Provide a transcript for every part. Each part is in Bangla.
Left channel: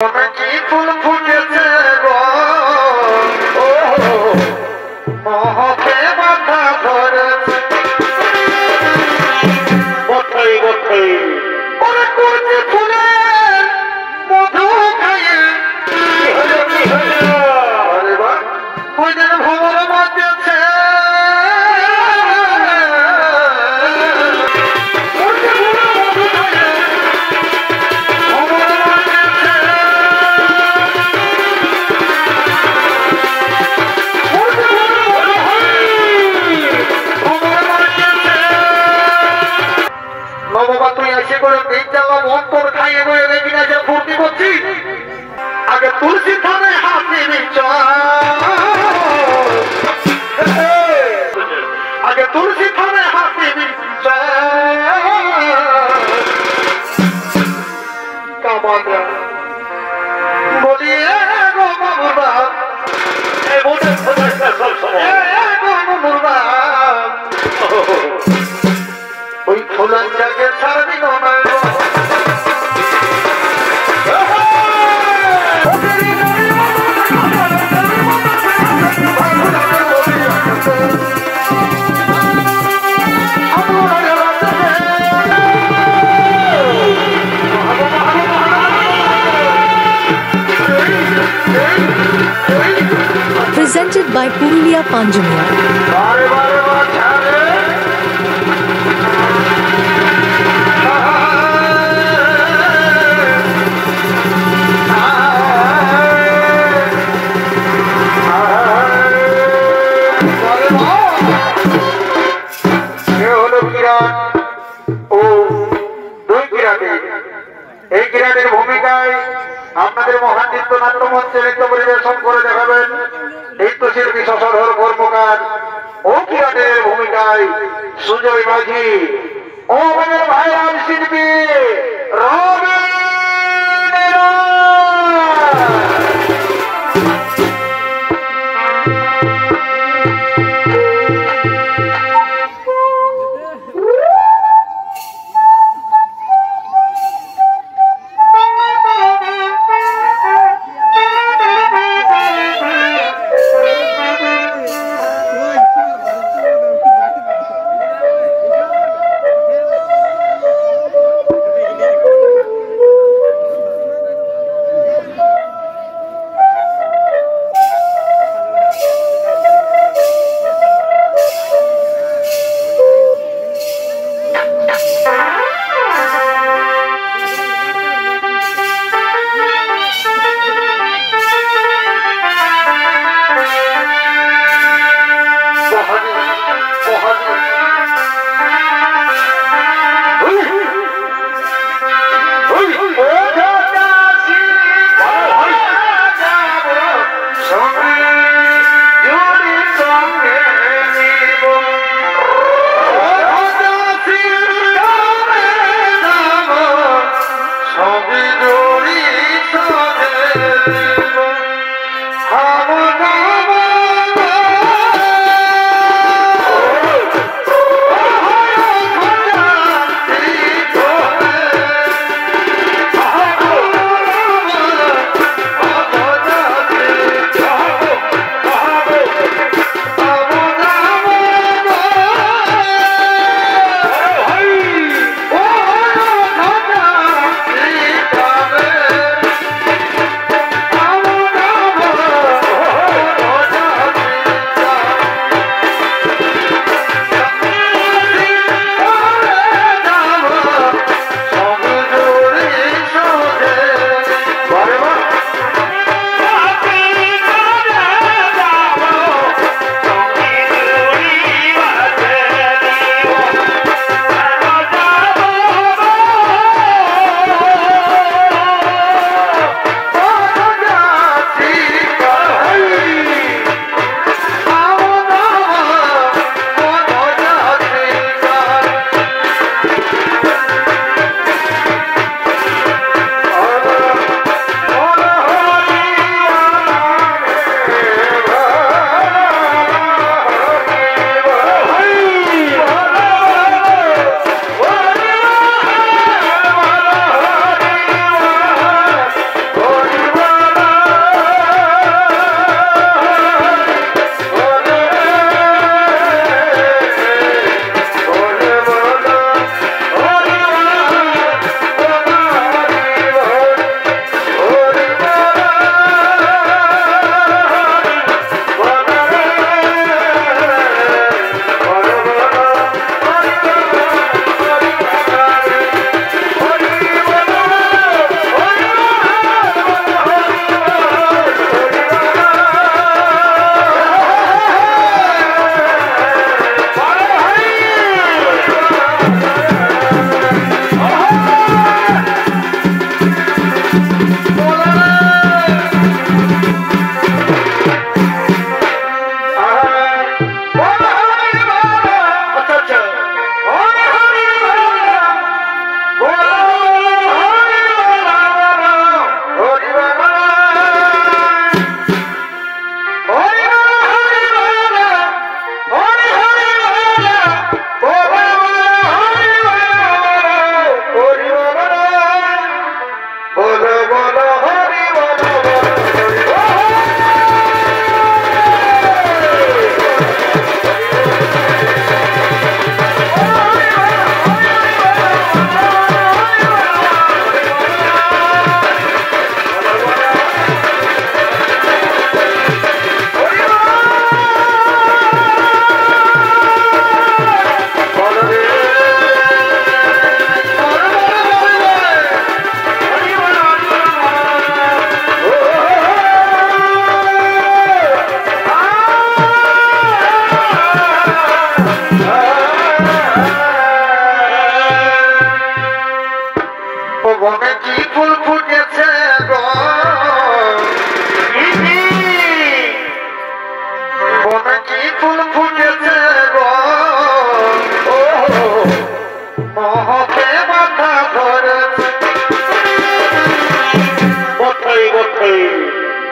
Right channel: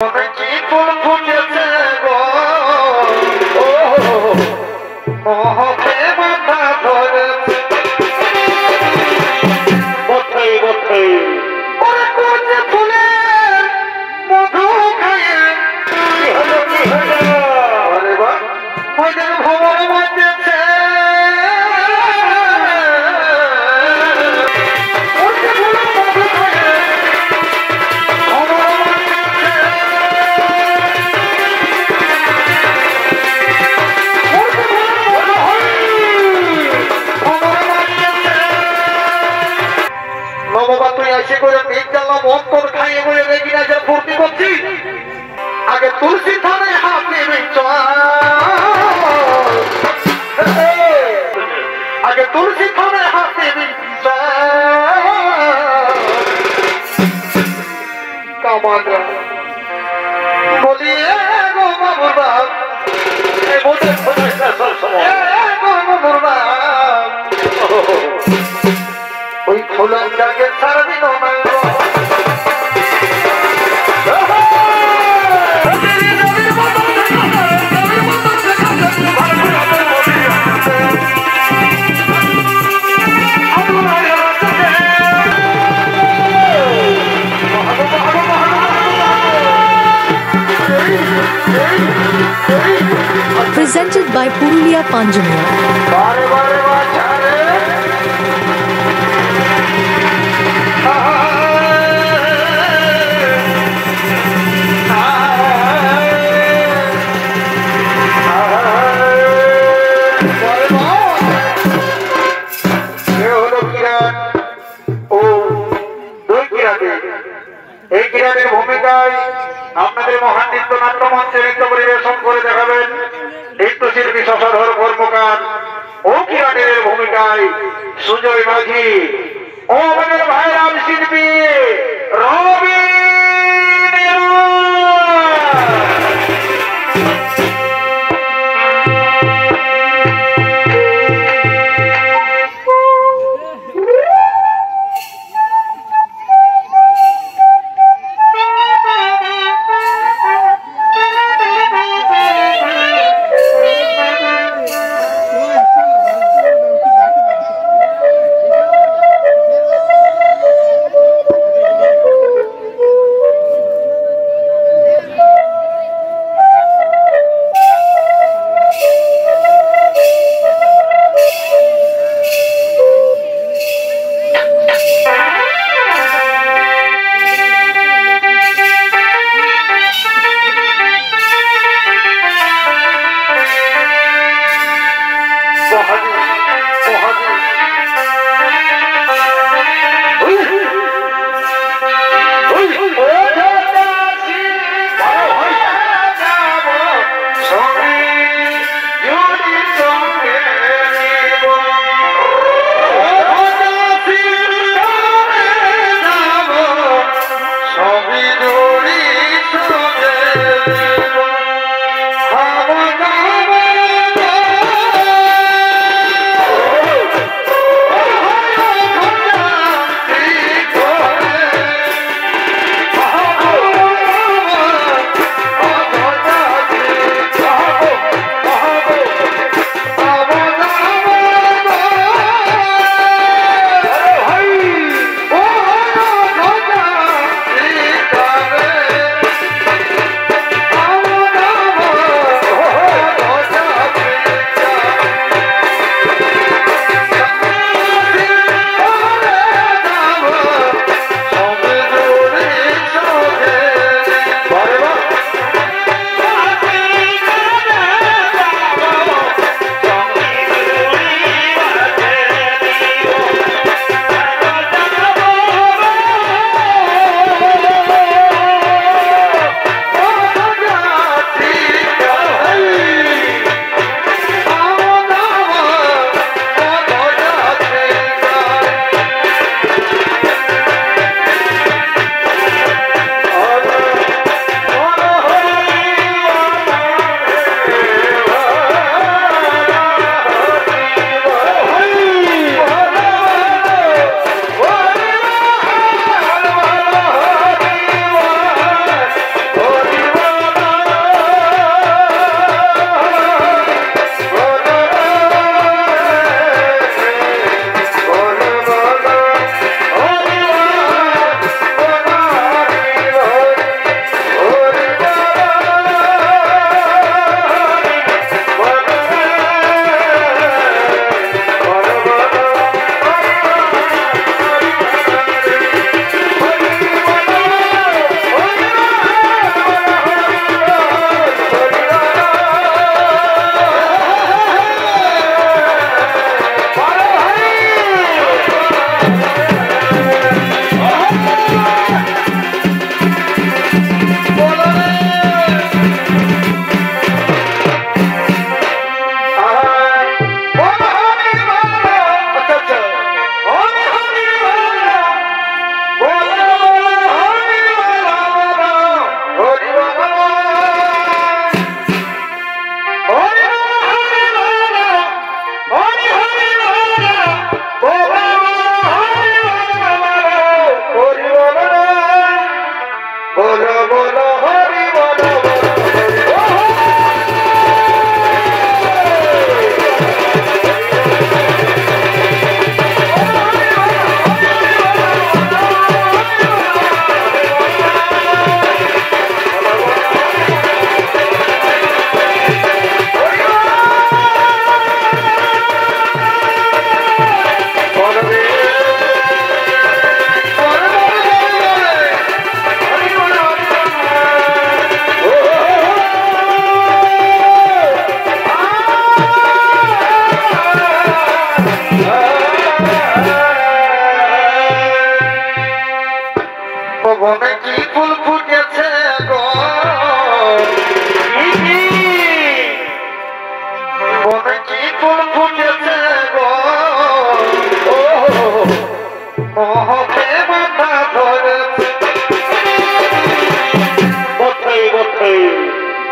কি ফুল ফুটেছে গো মোহকে মাথা ধরেছে বটে বটে ওরে কোন ফুলের মধু খাইয়ে আরে বাহ ওই যেন ভবর বাজেছে বাবা তুই এসে করে দিন গেলাম অন্তর খাইয়ে বলে দেখি না যে ফুর্তি করছি আগে তুলসী থানে হাত নেবে আগে তুলসী থানে হাত নেবে কামাল বলি গো বাবুরা এই বলতে বাবুরা ওই ফুলের জাগে ছাড়বি না Presented by Purulia Panjamiya. এই কিরাটের ভূমিকায় আপনাদের মহান নৃত্যনাট্য মঞ্চে নৃত্য পরিবেশন করে দেখাবেন নৃত্যশিল্পী শশধর কর্মকার ও কিরাটের ভূমিকায় সুজয় মাঝি ও আমাদের ভাইরাম শিল্পী রবি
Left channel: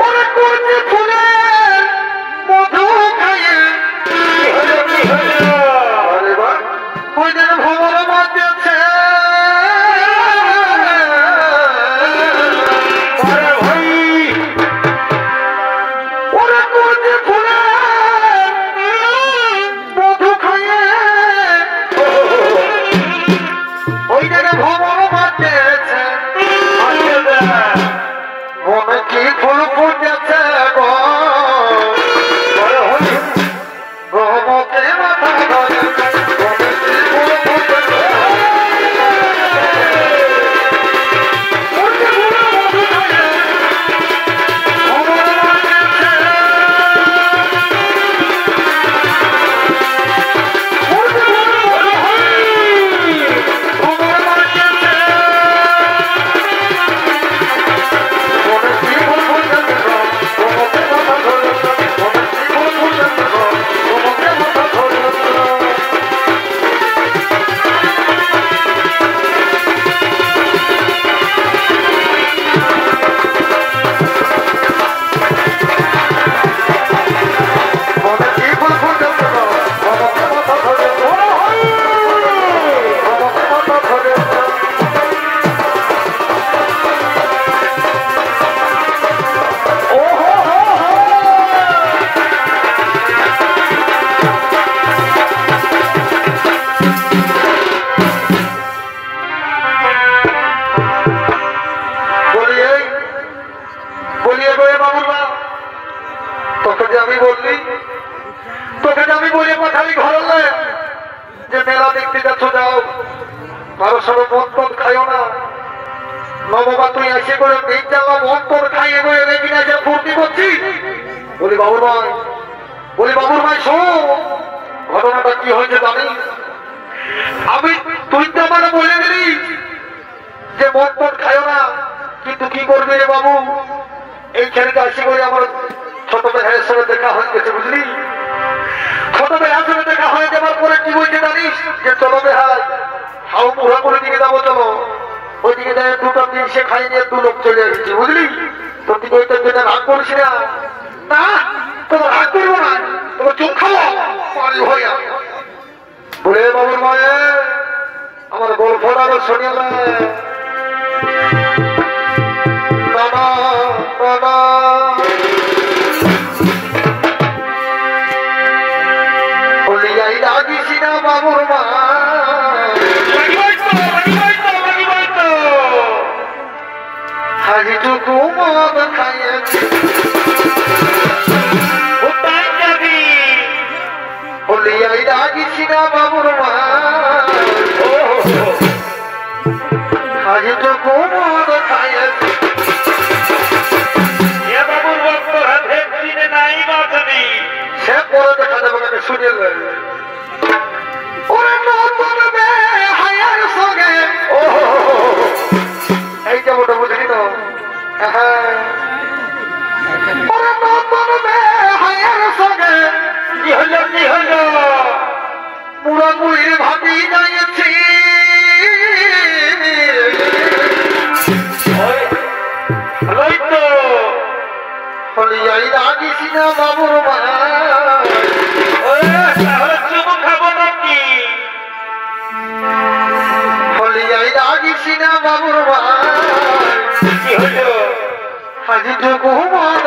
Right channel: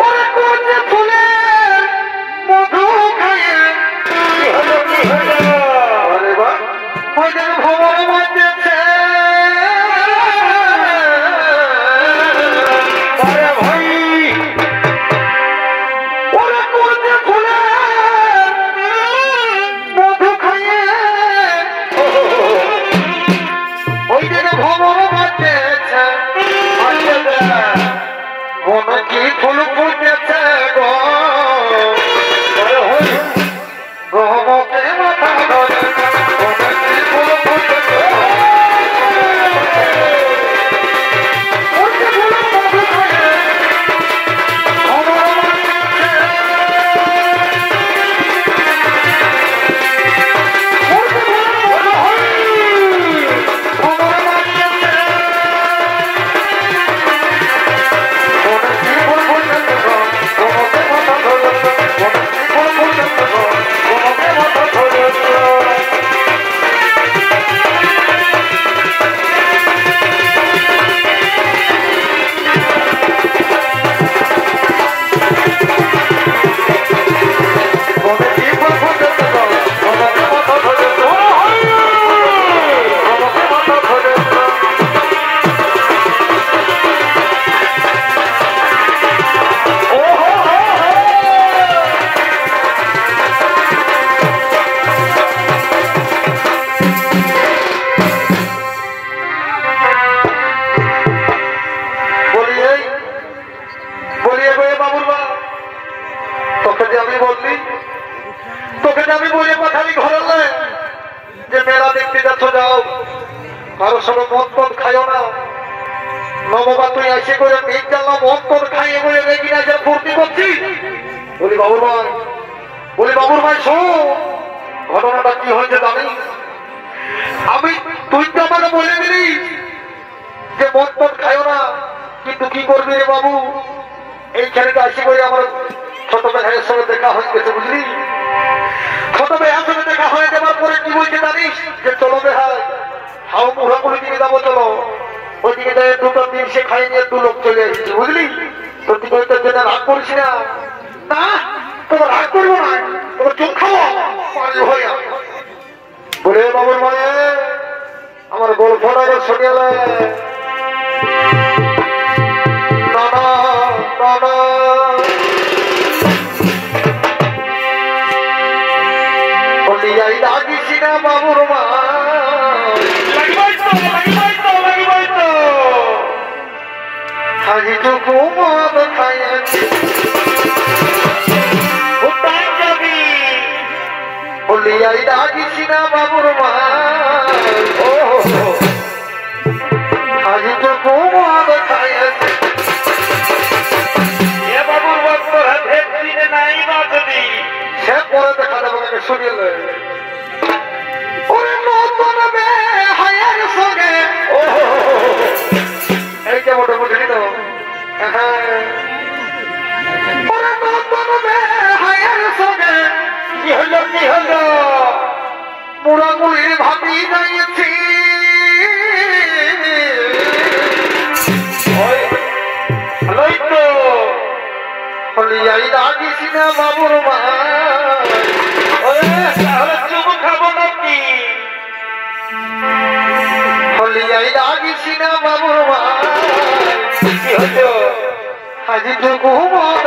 ওরে করছে ফুলে মধু খাইয়ে আরে বা ওই যেন ভবন বাজছে আরে ভাই ওরে করছে ফুলে মধু খাইয়ে ওই যেন ভবন বাজছে মনে কি ফুল ফুটেছে গো গহমতে মাথা ধরে মনে কি ফুল ফুটেছে ঘটনাটা কি হয়েছে জানিস? আমি তুই তো আমাকে বলে দিলি যে মদ পদ খায় না, কিন্তু কি করবি রে বাবু? এই ছেলেটা আসি করে আমার ছোট ভাইয়ের সঙ্গে দেখা হয়ে গেছে, বুঝলি? ছোট ভাইয়ের সঙ্গে দেখা হয়ে যাওয়ার পরে কি বলছে জানিস? যে চলো ভাই হাও মুড়া করে দিকে যাবো, চলো ওইদিকে যাই দুটো দিন সে খাই নিয়ে 2 লোক চলে আসছি, বুঝলি? তো তুই ওইটা রাগ করিস না, না তোমার রাগ করবো না, তোমার চুপ খাবো হয়ে বলে বাবুর মায়ে আমার গল্পটা শুনে বাবা বাবা বলিয়াই লাগিস না বাবুর মা হাজিটুকু মদ খাইয়ে বলিয়াই লাগিস না বাবুর মা হাজিটুকু মদ খাইয়ে বাবুর বক্তর হাতে নাই বাঁচবি সে পরে দেখা যাবে তাকে শুনিয়ে দেবে। ওরে নতুন হায়ার সঙ্গে এইটা মোটা বুঝলি তো, ওরে নতুন হায়ার সঙ্গে কি হলো কি হলো পুরাপুরির ভাবি যাইছি হলিয়াই লাগিস না বাবুর মা খাবো নাকি হলিয়াই লাগিস না বাবুর মা কি হলো আজি টুকু মদ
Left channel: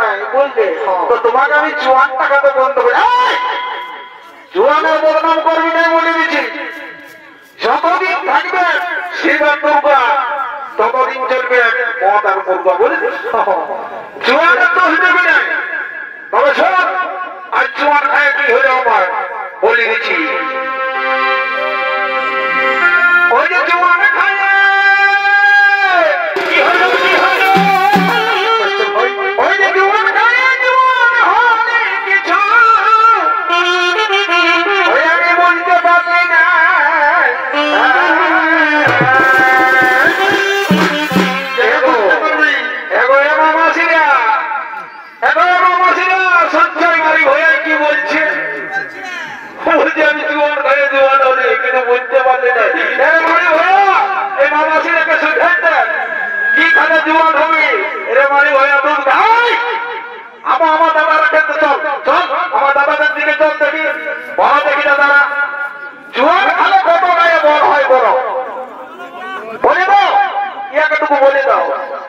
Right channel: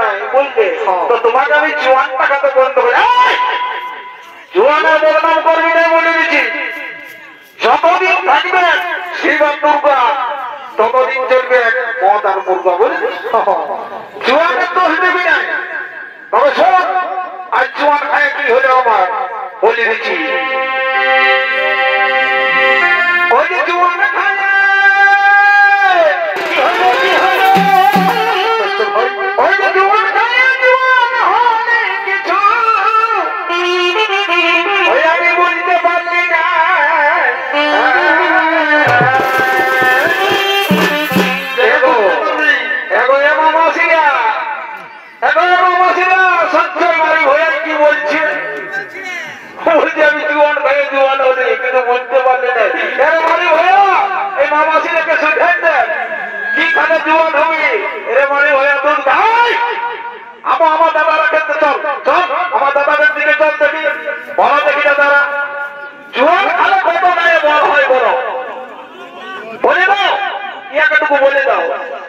নাই বুঝলে? তো তোমাকে আমি জোয়ান টাকাতে বন্ধ করি। জোয়ানের বদনাম করবি নাই বলে দিচ্ছি। যতদিন থাকবে শিবের দুর্গা ততদিন চলবে মদ আর মুর্গা বুঝলি? জোয়ানের দোষ দেবে নাই। তবে শোন, আজ জোয়ান খায় কি হলো আমার বলে দিচ্ছি। ওই যে জোয়ান খায় কি হলো কি হলো, ওই যে জোয়ান খায় জোয়ান হলে কিছু ওই আমি বলতে পারবি না। সঞ্চয় মারি হয়ে কি বলছে? বলছে আমি জোয়ান খায় জোয়ান হলে কিন্তু বলতে পারলে না। মারি হয়ে এই মামাসিরাকে শুধাই দেন কি খানে জোয়ান হবে। এরে মারি হয়ে তোর ভাই আমার দাদারা খেতে চল চল, আমার দাদাদের দিকে চল দেখি, বড় দেখি দাদারা জোয়ান খালে কত গায়ে বড় হয় বড় বলে দাও, ইয়াকেটুকু বলে দাও।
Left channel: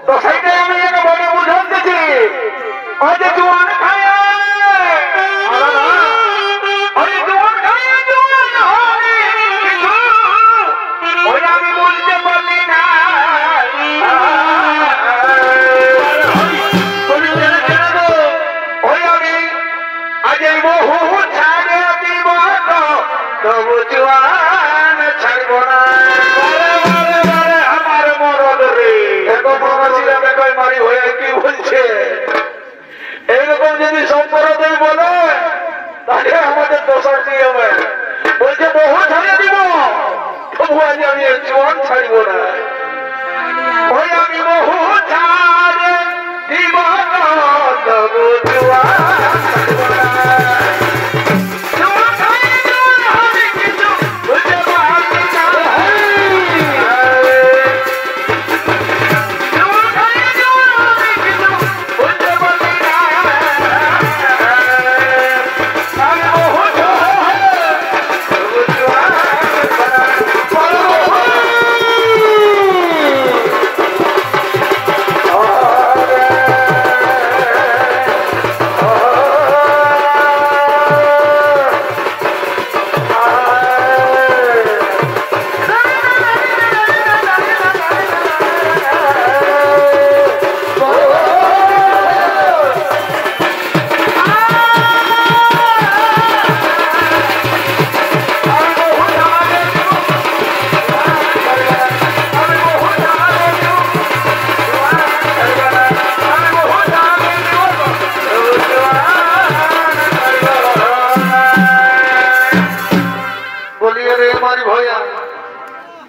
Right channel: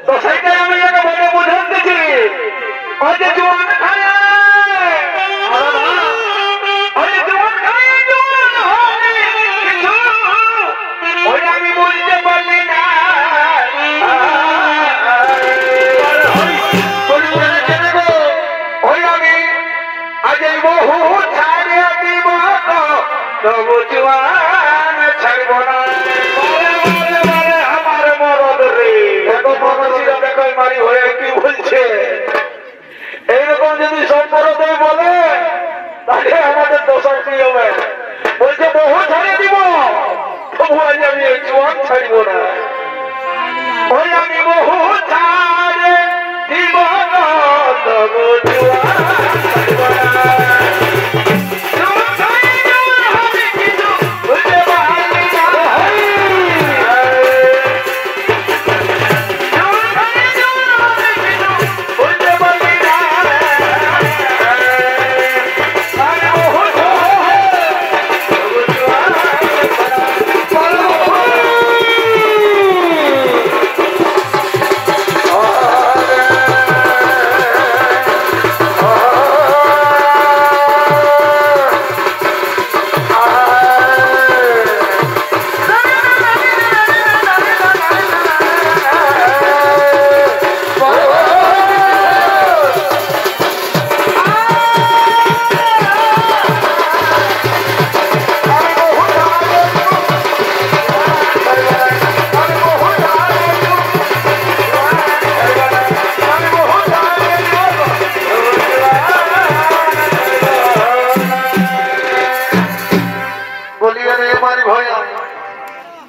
তো সেইটাই আমি ইয়াকে বলে বুঝান দিচ্ছি। ওই যে জোয়ান খায় ওই আমি বলতে পারলি না। ওই আমি আজ বহু ছাড়ে দিব তবু জোয়ান ছাড়ব না। আমার মরদ রে দেখো মহাশিরা দেখো মারি হয়ে কি বলছে। এইরকম যদি সম্পর্কে বলে তাহলে আমাদের দোষার কি হবে? বলছে বহু ছাড়ে দিব তবু আজ আমি জোয়ান ছাড়ব না। ওই আমি বহু ছাড়ে দিব তবু জোয়ান ছাড়ব না।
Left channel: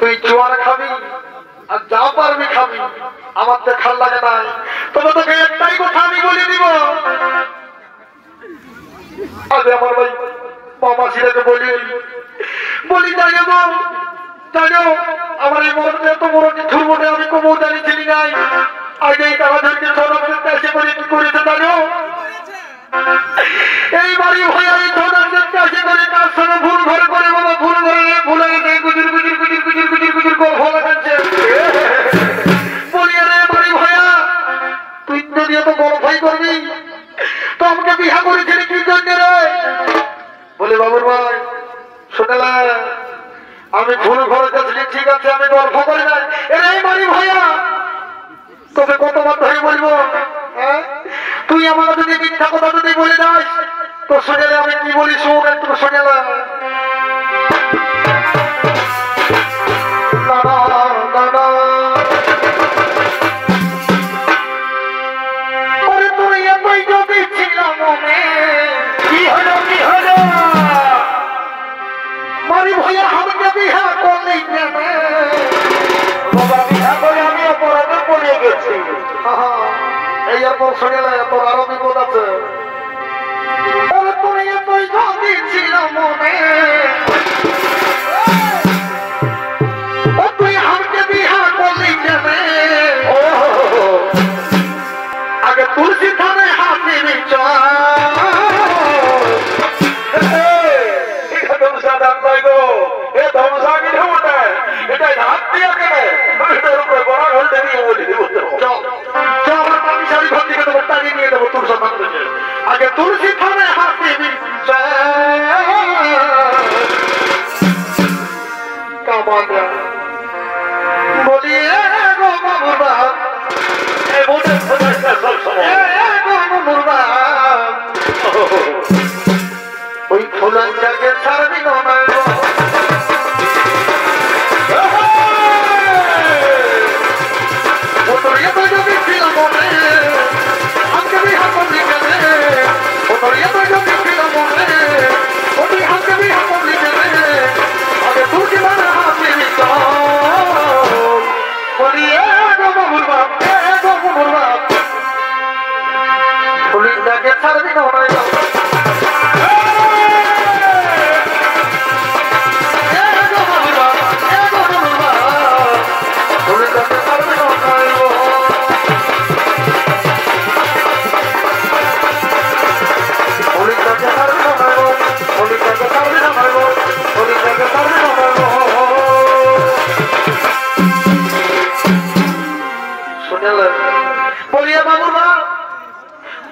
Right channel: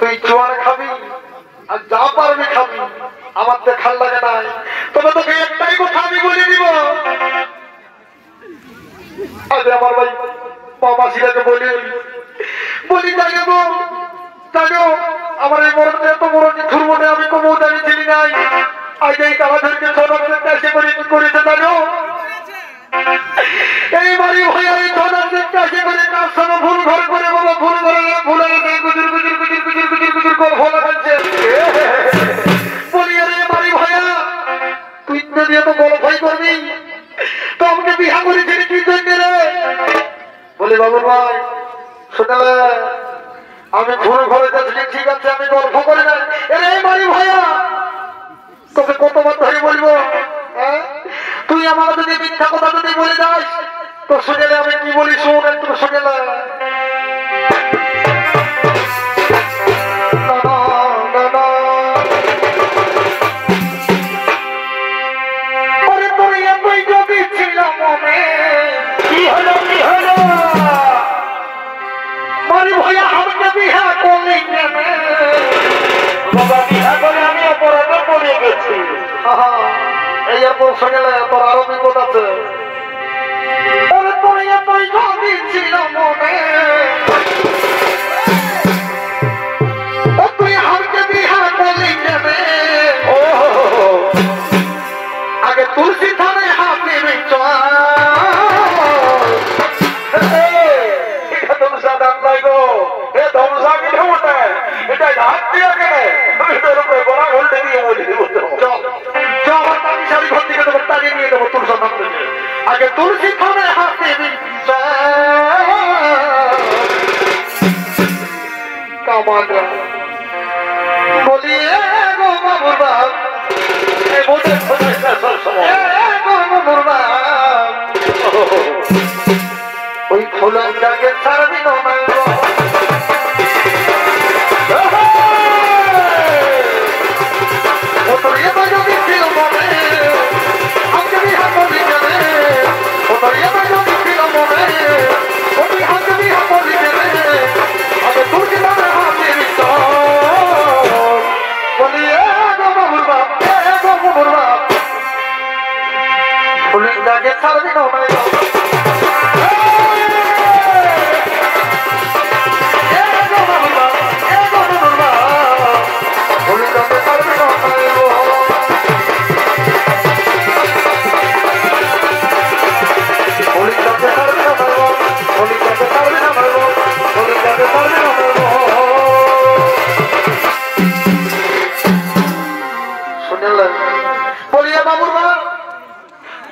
তুই জোয়ান খাবি আর যা পারবি খাবি, আমার তো খাল লাগে নাই। তবে তোকে একটাই কথা আমি বলে দিব, আজ আমার ভাই মামাসিরাকে বলি জানো আমার এই মরণে এত বড় কিছুর মধ্যে আমি কোনো জানি চিনি নাই। আজ এই তারাদেরকে সদাবের কাছে করে কি করেছে জানো? এই বাড়ি হয়ে আমি সদাবের কাছে করে কার সঙ্গে ভুল ঘরে করে বাবা ভুল ঘরে ভুলে গুজুর গুজুর গুজুর গুজুর গুজুর গুজুর করে ফলে পাচ্ছে। বলি রে বাড়ি হয়ে তুই যদি এত বড় ভাই করবি তো আমাকে বিহা করেছিলি কি জন্য রে? বলে বাবুর ভাই শোনালে আমি ভুল ঘরে যাচ্ছি, ঠিক আছে আমি গল্প করি না। এই বাড়ি ভাইয়া তোকে কতবার ধরে বলবো, তুই আমার যদি মিথ্যা কথা যদি বলে যাস তো শুনেলে আমি কি বলি শোন একটু শুনেলে। কি হলো কি হলো মারি ভাইয়া আমাকে বিহা করলি কেনে? বাবা বিহা করে আমি অপরাধে পড়ে গেছি। এই এরপর শুনে তোর আরো বিপদ আছে। তুই যদি ছিল মনে তুই আমাকে বিহা করলি কেনে? আগে তুলসী থানে হাতে মানে হাতে কামানা বলি গো বাবুর বাপ এই মনে বাবুর বাপ ওই খোলা জাগে ছাড়বি না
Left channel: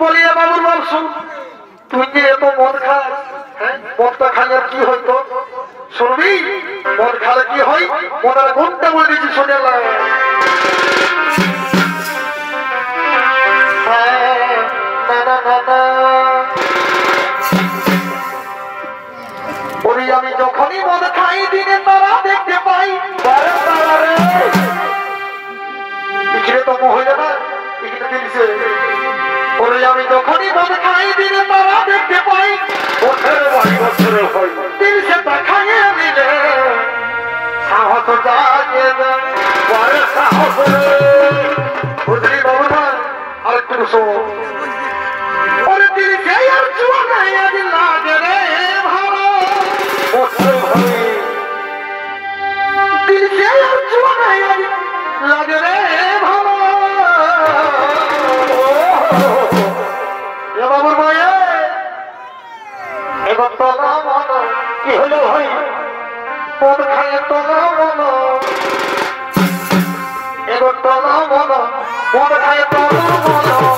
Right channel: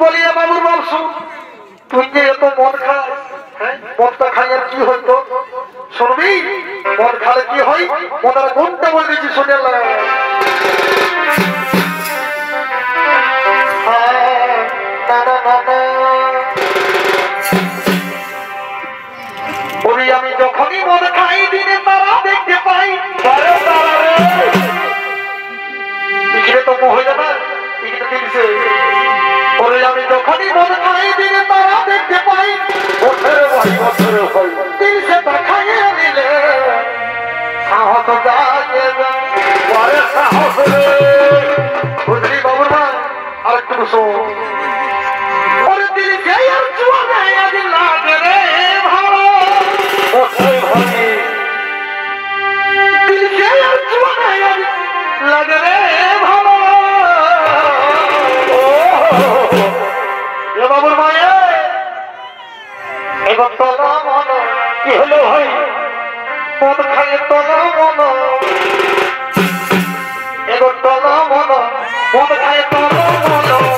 বলিয়া বাবুর বাপ শুন তুই যে এত মদ খাস হ্যাঁ মদটা খাইয়া কি হইতো শুনবি মদ খালে কি হয় মদের কোনটা বলবি শুনে বলি আমি যখনই মদ খাই দিনে তারা দেখতে পাই পিছিয়ে তো মহিলা না এখানে কিনছে ওরে আমি যখনই মদ খাই দিনে তারা দেখতে পাই দিনসে দেখাইয়ে দিলে সাহস জাগে সাহস বুঝলি বাবু না আরেকটু শোন ওরে দিনসে আর জোয়ানে আজ লাগে রে ভালো দিনসে আর জোয়ানে আজ লাগে রে ভালো বাবুর মায়ে এবার তোলা মনো কি হলো ভাই মদ খাইয়ে তোলা মনো এবার তোলা মনো মদ খাইয়ে তোলা মনো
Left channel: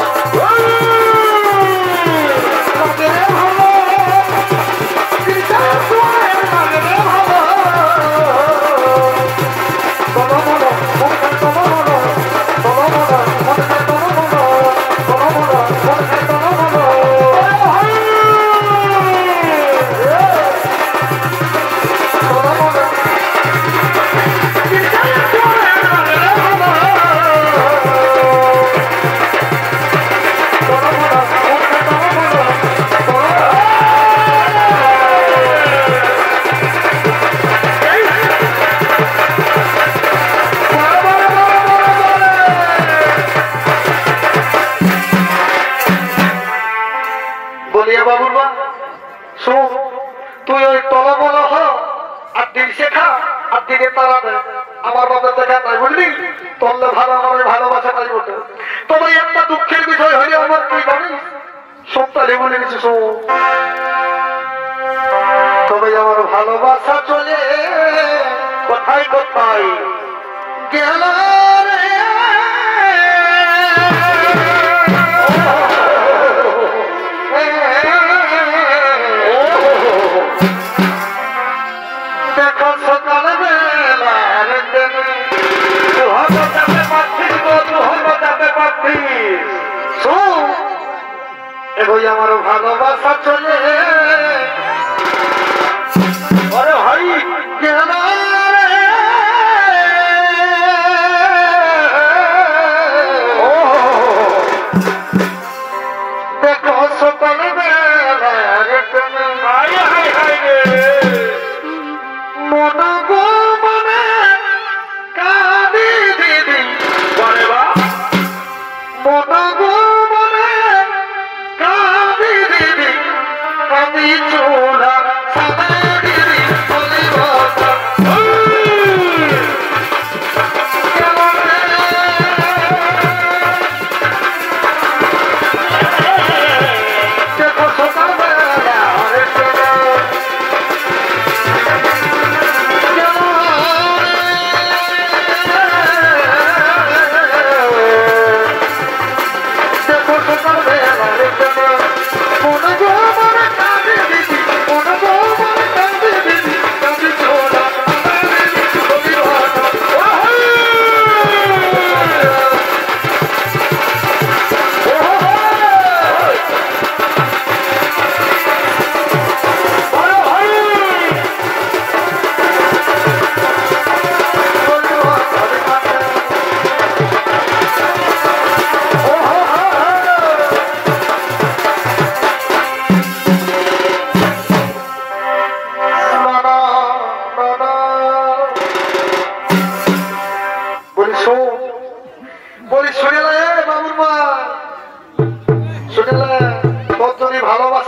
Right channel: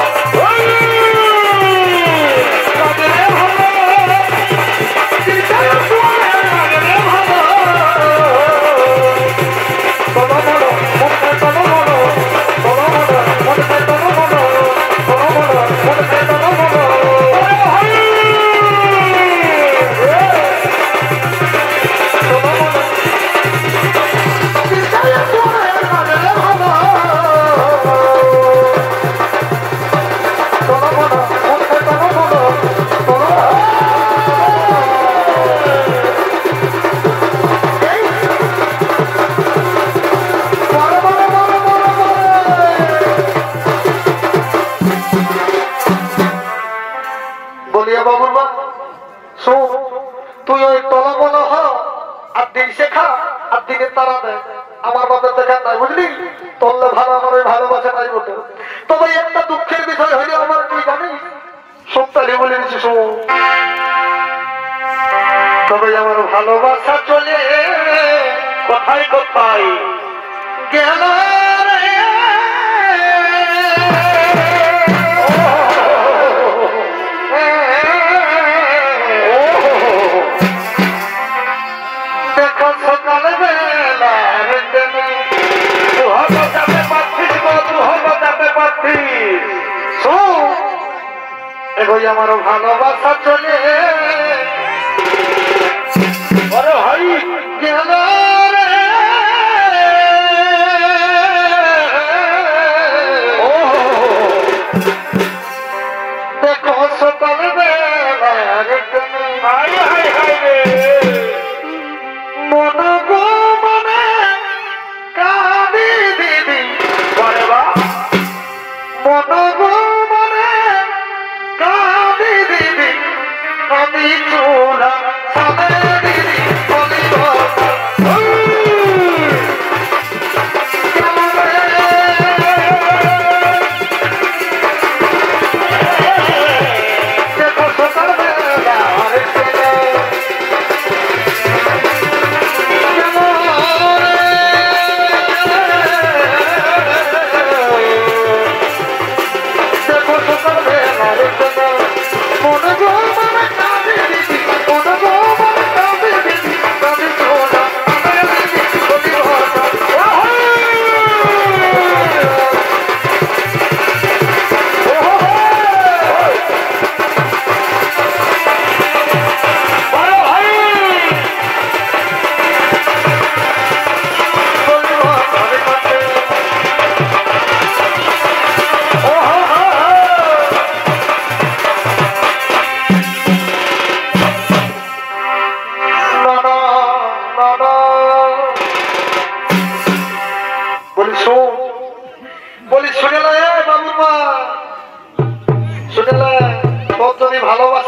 তুই ওই তলা বলা হ আর দিন শেখা আর দিনে তারা দেয় আমার বাবা দেখা তাই বুঝলি তললে ভালো আমার ভালোবাসা তাই বলতে তবে একটা দুঃখের বিষয় হলে আমার তুই জানিস সপ্তাহে বলে নিচ্ছি তবে আমার ভালোবাসা চলে কোথায় কোথায় গেল আমার ভালোবাসা চলে গেল দেখো সকাল বেলা মন গো মনে কাঁদি দিদি মন গো আমি চোরা দিদি মন গো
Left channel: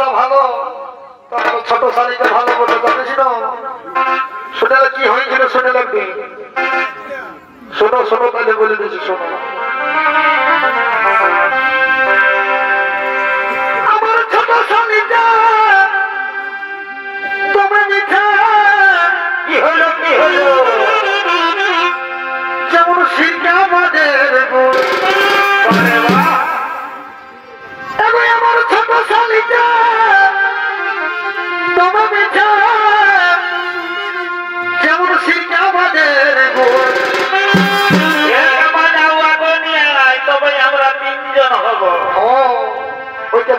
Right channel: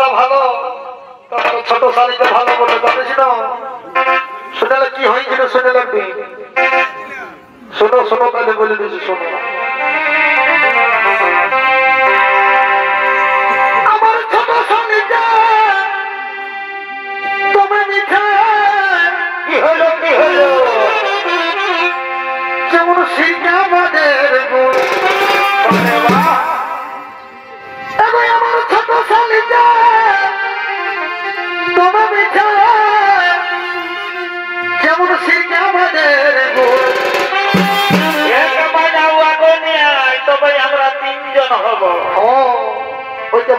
বলা ভালো, ছোট শালিকে ভালো বলে জানিস না? শুনে কি হয়েছিল শুনে লাগবে, শোনো শোনো তাহলে বলে দিচ্ছি শোনো। আমার ছোট শালিকা তোমার মিঠা কি হলো যেমন সিঙ্গাবাদের গুড়। আমার ছোট শালিকা তোমার মিঠা যেমন সিঙ্গাবাদের গুড়। তবে আমরা তিনজন হব। ওই তো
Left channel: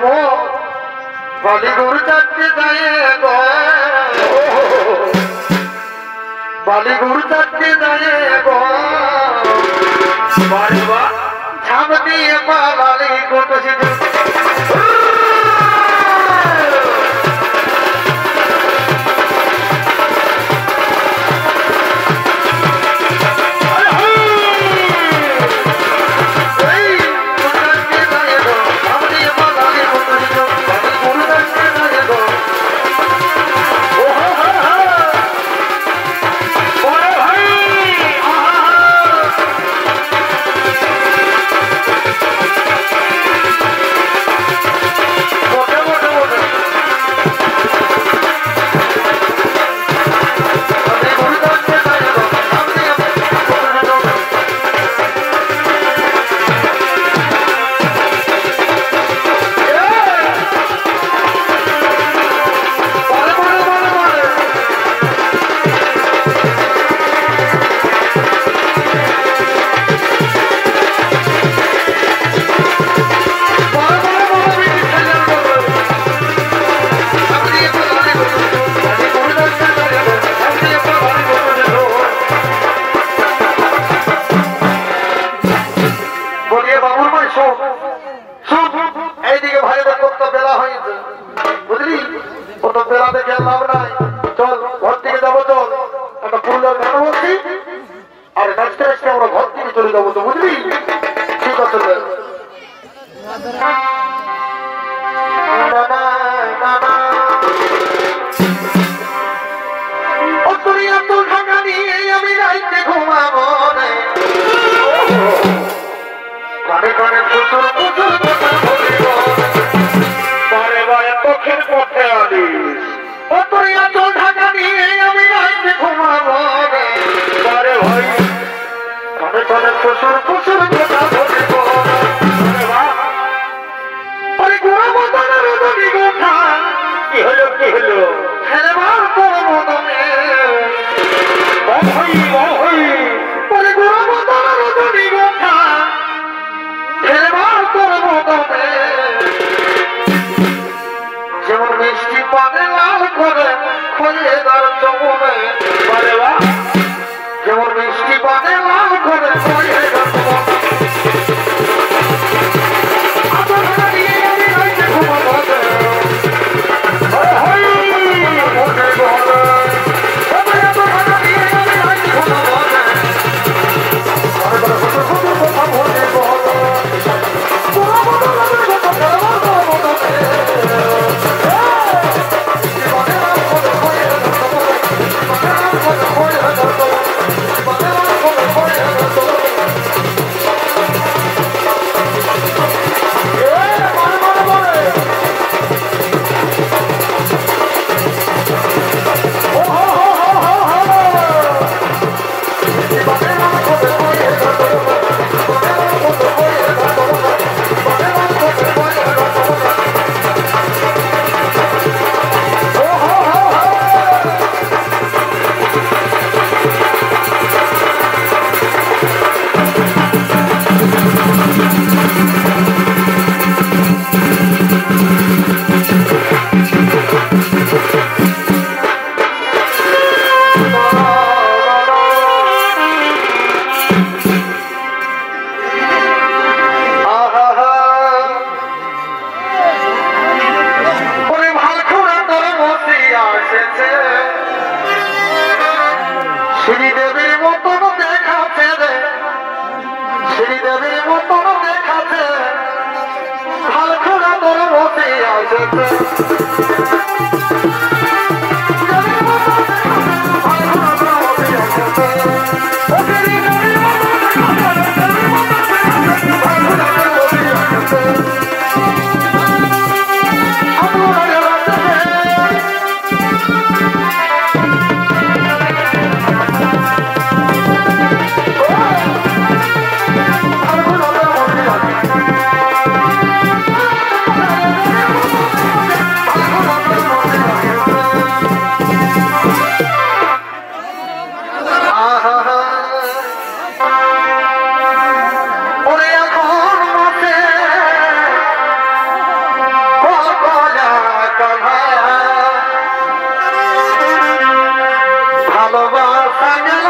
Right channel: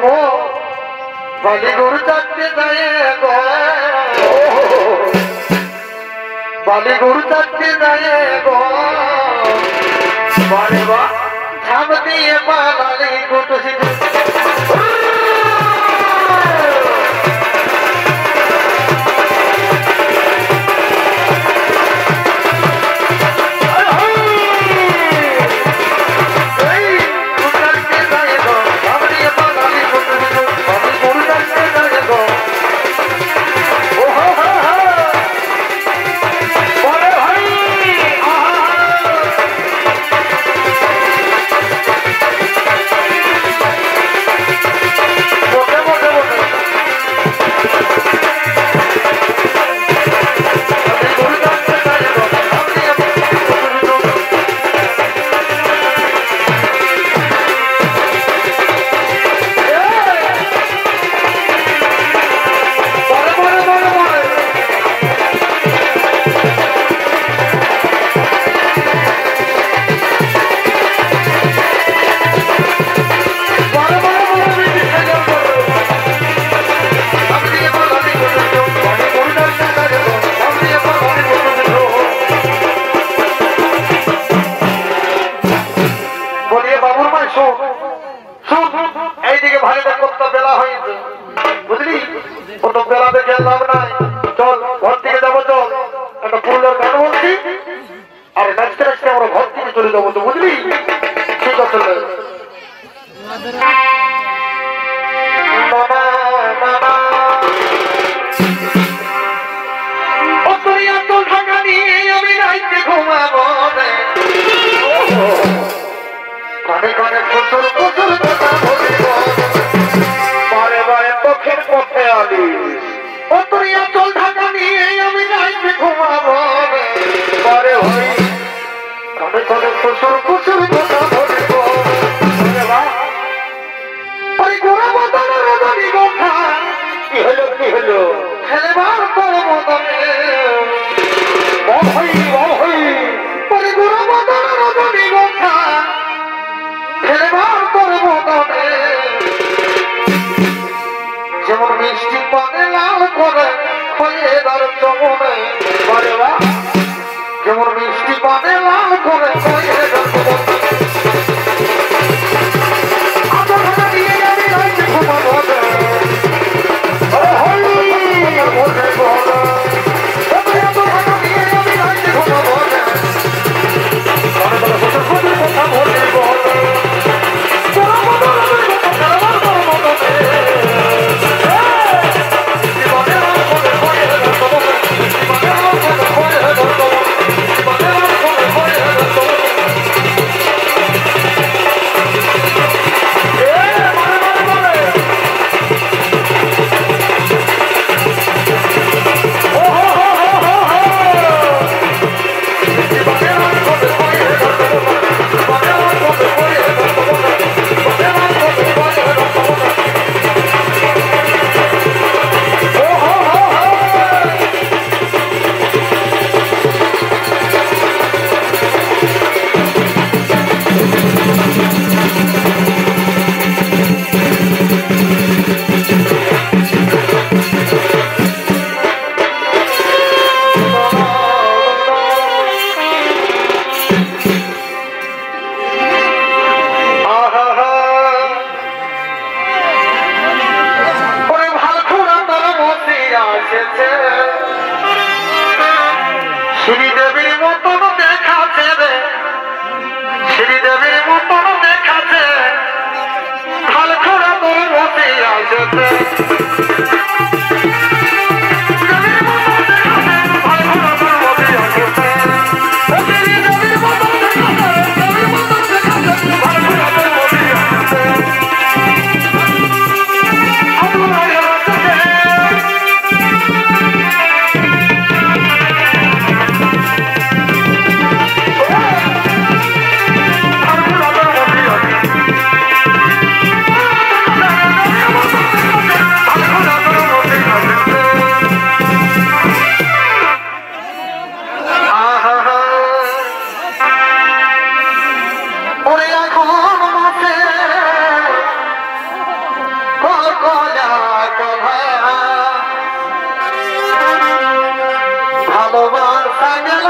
বালি গরু চারটে যায় বালি গরু চারটে যায় ঝাঁপ দিয়ে পালালি গোটা এইদিকে ভাইটা কত বেলা হয়েছে বুঝলি, কত বেলা দেখে লাভ নাই। চল ঘর থেকে যাবো, চল একটা ফুলের গান বলছি আর নাচতে নাচতে আমরা ঘর থেকে চলে যাবো তো বুঝলি। ঠিক আছে ঢাকা নিয়ে আমি রাইতে ঘুমাবো কানে কানে প্রচুর প্রচুর বারে বারে পক্ষের পথে আলিস অতরিয়া চল ঢাকা নিয়ে আমি রাইতে ঘুমাবো বারে ভাই কানে কানে প্রচুর প্রচুর কথা বলিব। আরে গোড়া মতনের রজনী গোঠা কি হলো খেলেবার তোর মতনে বহই পরে গোড়া মতনের রজনী গোঠা খেলেবার তোর মতনে যেমন মিষ্টি পানে লাল করে খয়ে তার চমনে যেমন মিষ্টি পানে লাল করে খয়ে তার চমনে শ্রীদেবীর মতন দেখাচ্ছে রে, শ্রীদেবীর মতন দেখাচ্ছে, হাল খোড়া তোর বসে ভালোবাসা গেল